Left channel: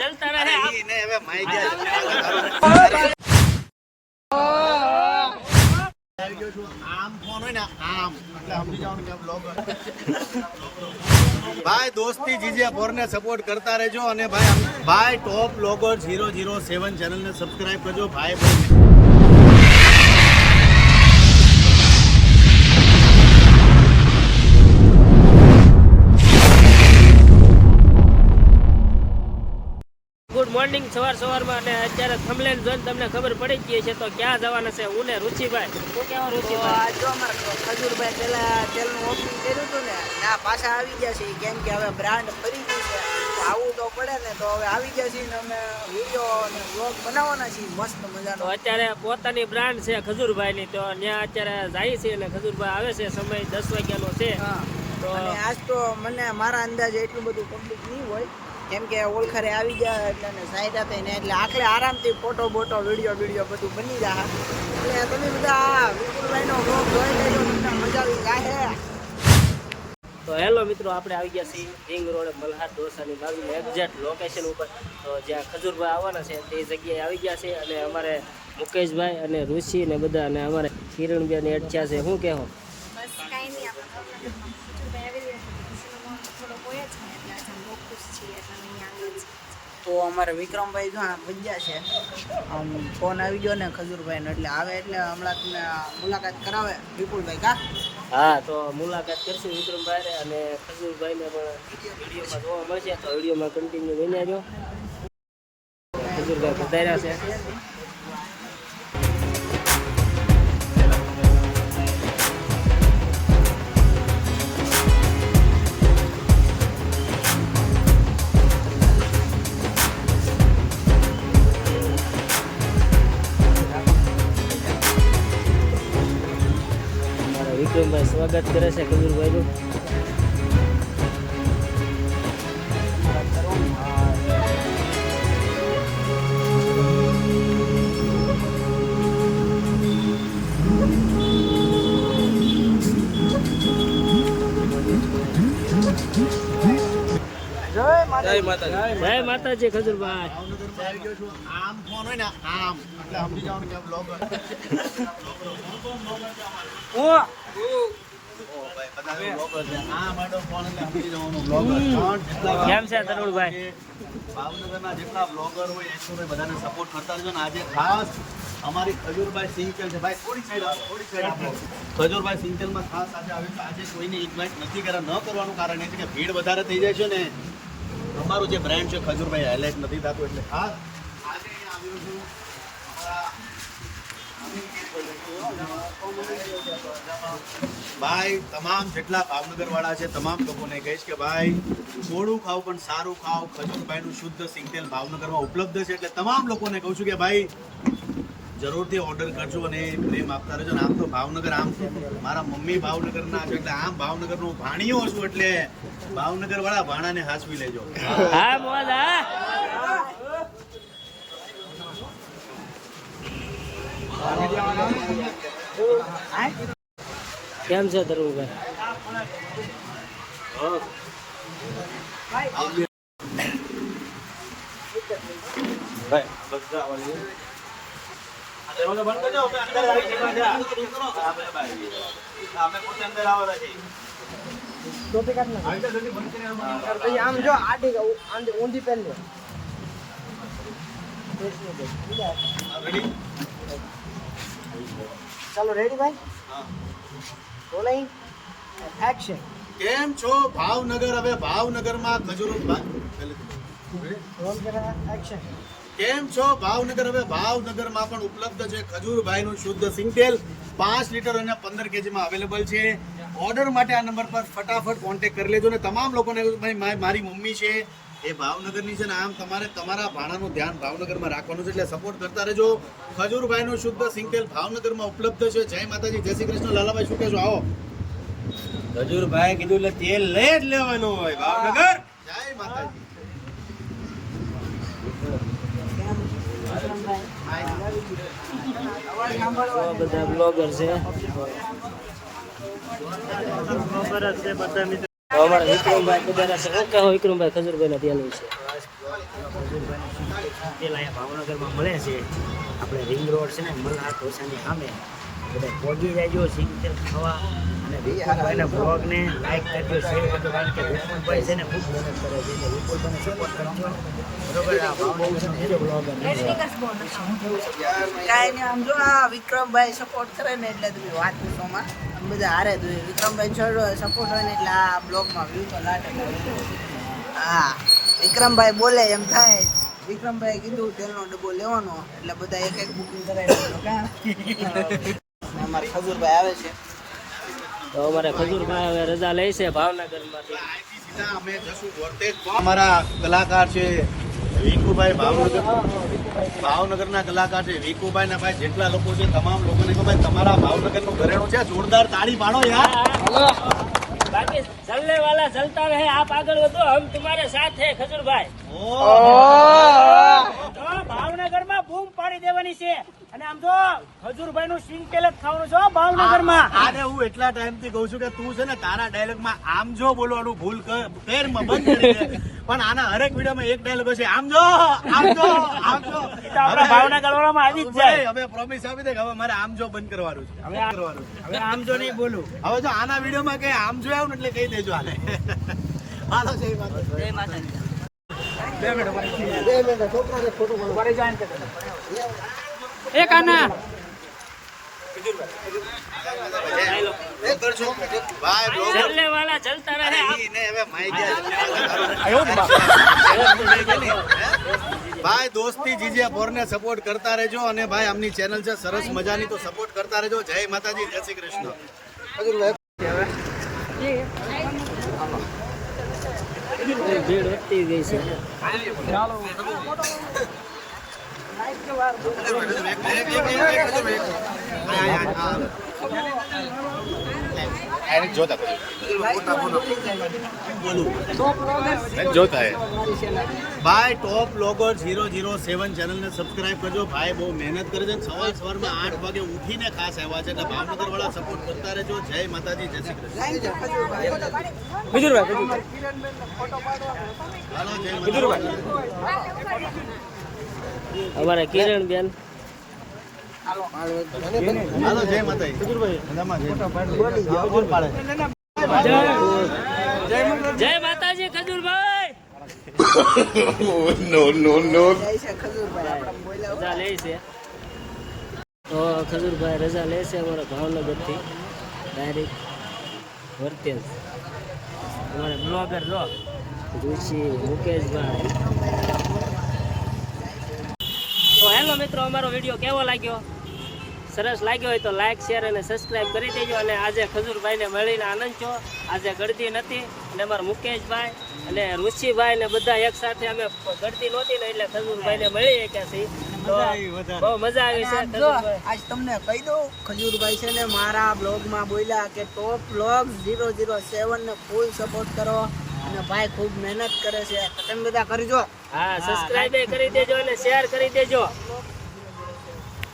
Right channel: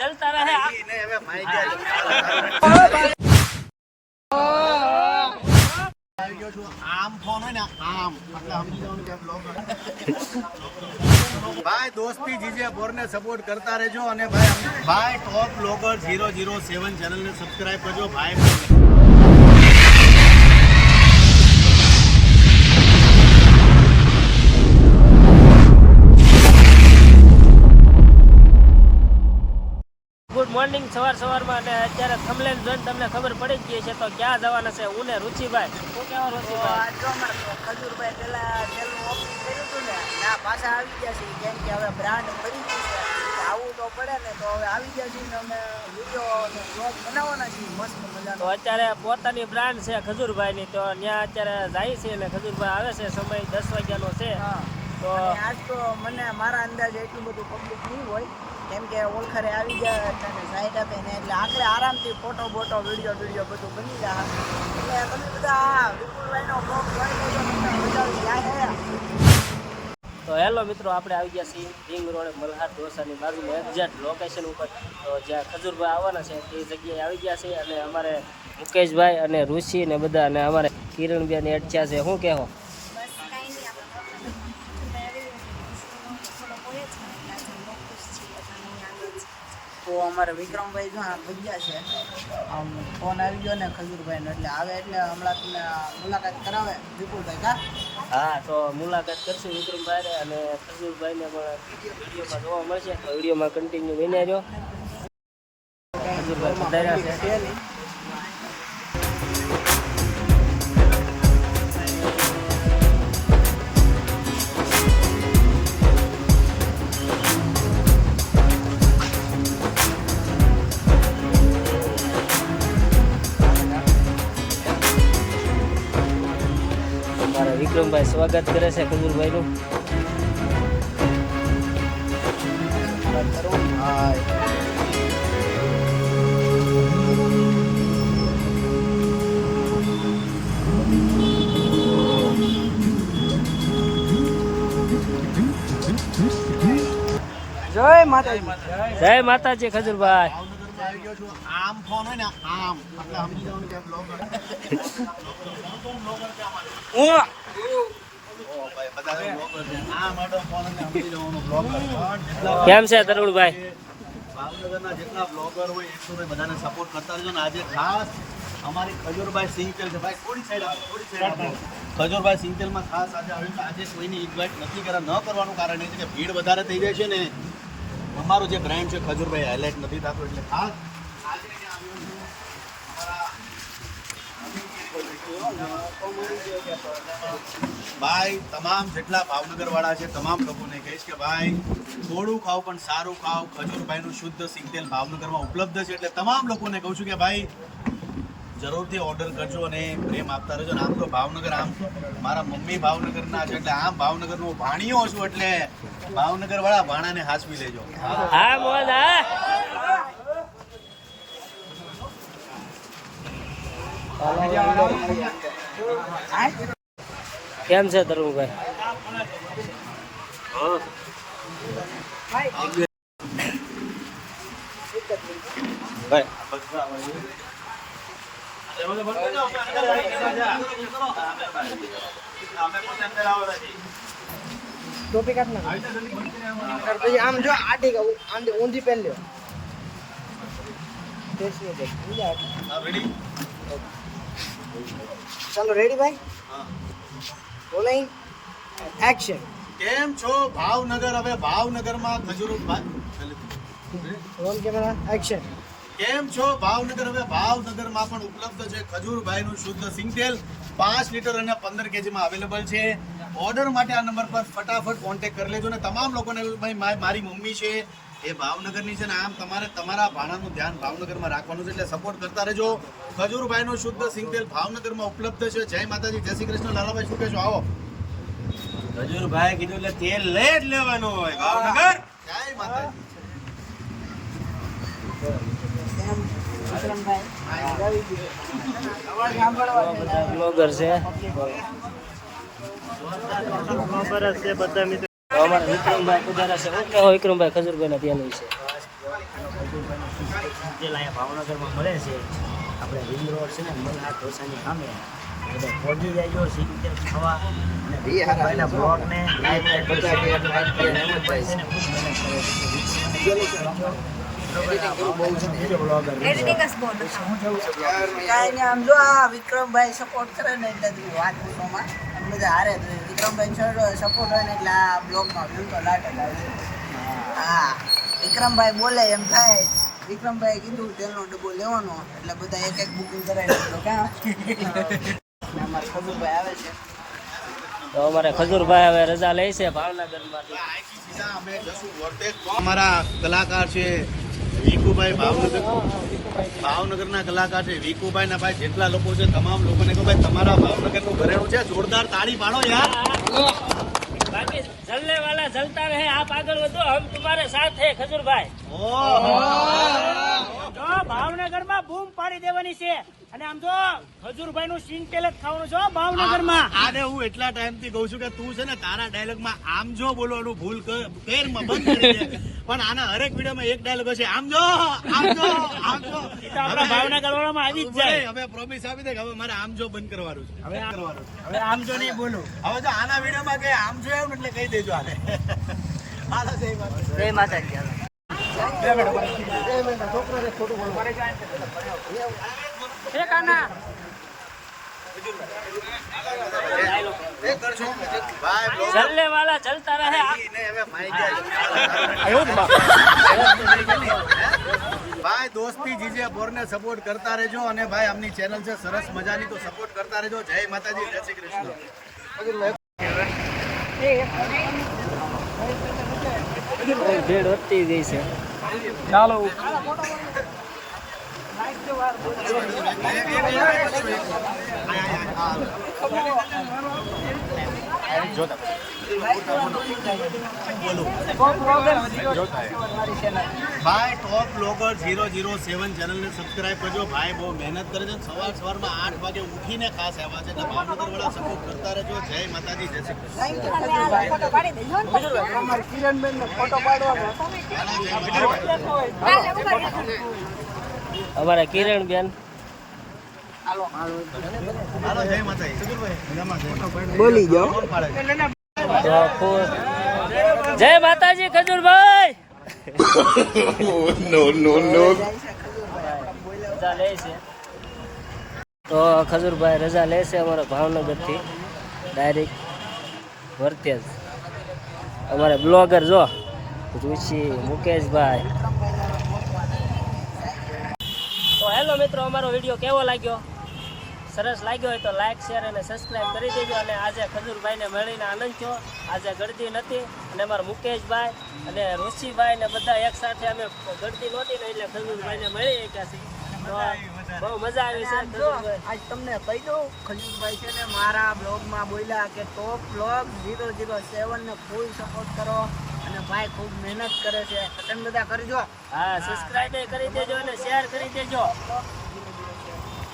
चलता रहे आम फोन હોય ને આમ એટલે સમજી જવાનું કે બ્લોગ ભાઈ દોસ્તી જીજે બોરને સપોર્ટ કરતા રહેજો અને ભાઈ ટોપ બ્લોગર 007 ચેનલને સબસ્ક્રાઇબ કરજો ભાઈ गुड मॉर्निंग सवार में अत्यारे थंबनेल જોઈને તમને ખબર પડી ગઈ છે તો ક્યાં જવાના છે હું ને રુચિભાઈ શું કહેવા રુચિભાઈ જો અમારે ખજૂરભાઈ પેલા તેલનું ઓપનિંગ કર્યું હતું ને ના પાછા આવી ગયા છે કેમ કે હવે બ્રાન્ડ ફરી ગઈ છે તો આવવું તો પડે ને તો હવે આવી ગયા છીએ ને અમે વિડીયો અને વ્લોગ બનાવવાના છીએ મસ્ત મજાનો તો અત્યારે પોતાની બ્રાન્ડ છે ખજૂરભાઈની તો ત્યાં અત્યારે જાય છે અને ખજૂરભાઈ આવે છે સમય 10 વાગ્યાનો છે તો આજ તો મને મારા અંદાજે એટલું બધું પબ્લિક નહીં હોય કેમ કે ઓળખરે આવી જાય અને સાઈડ હતા ને એટલે આખલે આરામથી ફોટો બોટો વિડીયો બધું બની જાય એટલે તમે બધા વિપુલભાઈનો બ્લોગ જોઈ લેજો તમને મજા આવી જાય. તો હેલો મિત્રો આપણે આવી ગયા છીએ રિંગ રોડ મલ્હાર ઢોસાની બાજુમાં એક્ઝેક્ટ લોકેશન ઉપર તો જ્યાં ખજૂરભાઈ આવવાના છે તે જગ્યાએ આવી ગયા છે અને અમારે મુકેશભાઈ અને ઋષિ ને બધા અને અમારે કિરણબેન એડચ્યા છે શું કહેવો બસ કાંઈ નહીં આપણે ભાવનગરમાં ખજૂરભાઈ આવી રહ્યા છે ખુશીનો માહોલ થોડો હોય જ ને એટલે આજે બહુ ખુશ છીએ એટલે અહીં આવીએ છીએ. તો અમારે વિક્રમભાઈ જો ભજ્યા છે આમ ફોન આવી ગયો ને ખજૂરભાઈનો એટલે આવે એટલે હમણાં તમને મુલાકાત કરાવે વિપુલભાઈ કા હા તો મુલાકાત કરશું વિક્રમભાઈ અને ખજૂરભાઈને પણ વિડીયોમાં જોવા મળશે તો વિડીયોમાં કન્ટિન્યુ બની રહ્યો. ખજૂરભાઈ પધાર્યા છે. વિક્રમભાઈ સ્વાગત કરે છે ખજૂરભાઈનું. જય માતાજી ખજૂરભાઈ ભાવનગરમાં આવી ગયો છું આમ ફોન હોય ને આમ એટલે સમજી જવાનું કે બ્લોગ કેમ છે તરુણભાઈ ભાવનગરના જેટલા બ્લોગર હોય એક્ટરભાઈ બધાને સપોર્ટ કરતા રહેજો ને આજે ખાસ અમારી ખજૂરભાઈ સિંગટેલ છે ભાઈ થોડી સાઈડ આપો ખજૂરભાઈ સિંગટેલમાં ખાસ આજે આવ્યું છે. આજે કોઈને ઇન્વાઇટ નથી કર્યા ન કરવાનું કારણ એ છે કે ભીડ વધારે થઈ જાય છે ને અમારું જે બ્રાન્ડ છે ખજૂરભાઈ હાઇલાઇટ નથી થતું એટલે ખાસ આજે અહીંયા આવ્યો છું. ભાઈ તમામ જેટલા ભાવનગર વાળા છે તમામ લોકોને કહીશ કે ભાઈ થોડું ખાવ પણ સારું ખાવ. ખજૂરભાઈનું શુદ્ધ સિંગટેલ ભાવનગરમાં ઉપલબ્ધ છે એટલે તમામ લોકોને કહું છું કે ભાઈ જરૂરથી ઓર્ડર કરજો અને પ્રેમ આપતા રહેજો. ને આમ તો ભાવનગર આમ મારા મમ્મી ભાવનગરના છે એટલે આમ ભાવનગરનું ભાણિયો છું એટલે ભાવનગર વાળા ભાણાને હાચવી લેજો. હા મોજ હા કેમ છે તરુણભાઈ આમ જો આટી ઊંધી પહેન લ્યો ચલો રેડી ભાઈ બોલાઈ એક્શન. કેમ છો ભાવનગર? હવે ભાવનગરમાં એક્શન. કેમ છો ભાવનગર? હવે ભાવનગરમાં પણ ઉપલબ્ધ છે ખજૂરભાઈનું શુદ્ધ સિંગટેલ 5 લીટર અને 15 કેજીમાં અવેલેબલ છે. ઓર્ડર માટે આ નંબર પર ફટાફટ કોન્ટેક્ટ કરી લેજો ને તમામ લોકોને મારી મમ્મી છે એ ભાવનગરની છે ને આમ તમારે તમારા ભાણાનું ધ્યાન ભાવનગરમાં રાખવાનું છે એટલે સપોર્ટ કરતા રહેજો. ખજૂરભાઈનું શુદ્ધ સિંગટેલ ભાવનગરમાં ઉપલબ્ધ છે. જય માતાજી, જય શ્રી કૃષ્ણ. લાલાભાઈ શું કહેશો? આવો. ખજૂરભાઈ કીધું એટલે તેલ લઈ જ લેવાનું હોય ભાવનગર. જય માતાજી. બધા બ્લોગર છે. અમારા વિક્રમભાઈ પધાર્યા છે. ઓકે હો વિક્રમભાઈ ખજૂરભાઈના ત્યાં વિશે. ખજૂરભાઈનું સિંગટેલ અહીંયા ભાવનગરમાં મળે છે. આપણે રિંગ રોડ છે ને મલ્હાર ઢોસાની સામે બધા પહોંચી જાયજો સિંગટેલ ખાવા. અને વિપુલભાઈના બ્લોગને લાઈક કરજો, શેર કરજો, કારણ કે વિપુલભાઈ છે ને ખૂબ મહેનત કરે છે. તો વિપુલભાઈને સપોર્ટ કરજો. બરોબર. આ ભાવનગરનો બીજો બ્લોગર શું થયું છે? કાંઈ નહીં, આમ જો આ વિક્રમભાઈ સપોર્ટ કરે ને એટલે તમે વાત પૂછોમાં આમ બધા હારે જ હોય. વિક્રમભાઈ સપોર્ટ હોય ને એટલે આ બ્લોગમાં વ્યૂ તો લાટક આવી જાય. હા, વિક્રમભાઈ બોલે એમ થાય. વિક્રમભાઈ કીધું તેલનો ડબ્બો લેવાનો એટલે બધા એક એક બુકિંગ કરાવી દીધો. કાં ખજૂરભાઈ આવે છે. તો અમારે ખજૂરભાઈ હવે રજા લે છે ભાવનગરમાંથી. અમે જશું વર્તેજ. અમારા કલાકાર છે વિકુભાઈ ભાવનગરના કલાકાર છે વિકુભાઈ ના ભાઈ જેટલા લોકો છે તમામ લોકોને કહો ભાઈ તમારા ભાવનગરનું ઘરેણું છે, જોરદાર તાળી પાડો યાર. બાકી જલને વાલા જલતા રહે, આપ આગળ વધો, હમ તમારે સાથ હે ખજૂરભાઈ. તો ભાવનગરમાં બૂમ પાડી દેવાની છે. અને આમ જો ખજૂરભાઈ નું સિંગટેલ જ ખાવાનું છે ભાવનગરમાં. આને હું એટલા ટાઈમથી કહું છું કે તું છે ને તારા ડાયલોગમાં આમ જો બોલવાનું ભૂલ કર બંધ કરી દે. પણ આના હરેક વિડીયોમાં એક ડાયલોગ છે આમ જો આમ જો આમ જો. એ તો આપણા ભાવનગર વાળામાં આવી જ જાય. હવે પ્રોમિસ આપી દે કે હવે મારે આમ જો બંધ કરવાનું છે. હવે આ કરવાનું છે. હવે આમ જો નહીં બોલું. હવે જો આના વિડીયોમાં કઈ આમ જો આવ ને એટલે કહી દેજો આને. હાલો જય માતા. જય માતાજી. બ્લોગર છો ભાઈ, બ્લોગર જલને વાલા જલતા રહે, આપ નહીં, હવે માઈ ભાઈ દોસ્તી જીજે બોરને સપોર્ટ કરતા રહેજો. અને ભાઈ આમની ચેનલ છે સરસ મજાની, તો સપોર્ટ કરતા રહેજો. જય માતાજી, જય શ્રી કૃષ્ણ. ભીડ વધતી ગઈ છે. ભાઈ ટોપ બ્લોગર 007 ચેનલને સબસ્ક્રાઇબ કરજો. ભાઈ બહુ મહેનત કરે છે. સવારમાં 8 વાગે ઉઠીને ખાસ આવ્યા છે. એટલે ભાવનગર વાળા સપોર્ટ કરતા રહેજો. જય માતાજી, જય શ્રી કૃષ્ણ. Thank you Khajurbhai. હાલો, જય માતાજી. અમારા કિરણબેન હાલો, જય માતાજી. બોલી જાઓ. કોણ પાડે છે? તો ખુશ. જય માતાજી ખજૂરભાઈ. રજા લે છે. તો ખજૂરભાઈ રજા લે છે અમારા ભાવનગરથી ડાયરેક્ટ વર્તેજ. અમારે બ્લોગર જો ઋષિ મુકેશભાઈ. તો હેલો મિત્રો, અમારો વિડીયો કેવો લાગ્યો? સરસ લાગ્યો હોય તો લાઈક, શેર અને સબસ્ક્રાઈબ કરી દેજો. અને આજે ખજૂરભાઈને મળીને આનંદ છો. આજે ગળદી નથી અને અમારા મુકેશભાઈ અને ઋષિભાઈ ને બધા એક સાથે અમે ગળદી નહોતી ને એટલે ખજૂરભાઈને મળી ગયા છીએ. તો બહુ મજા આવી છે. આમ જો, આજ તમને કહી દઉં, ખજૂરભાઈ છે ને મારા બ્લોગમાં બોલ્યા કે ટોપ બ્લોગ 007 ને ફૂલ સપોર્ટ કરો. અને ભાઈ ખૂબ મહેનત કરે છે. તમે બધા કરજો. હા, સબસ્ક્રાઈબ કરી દેજો અને શેર કરી દેજો.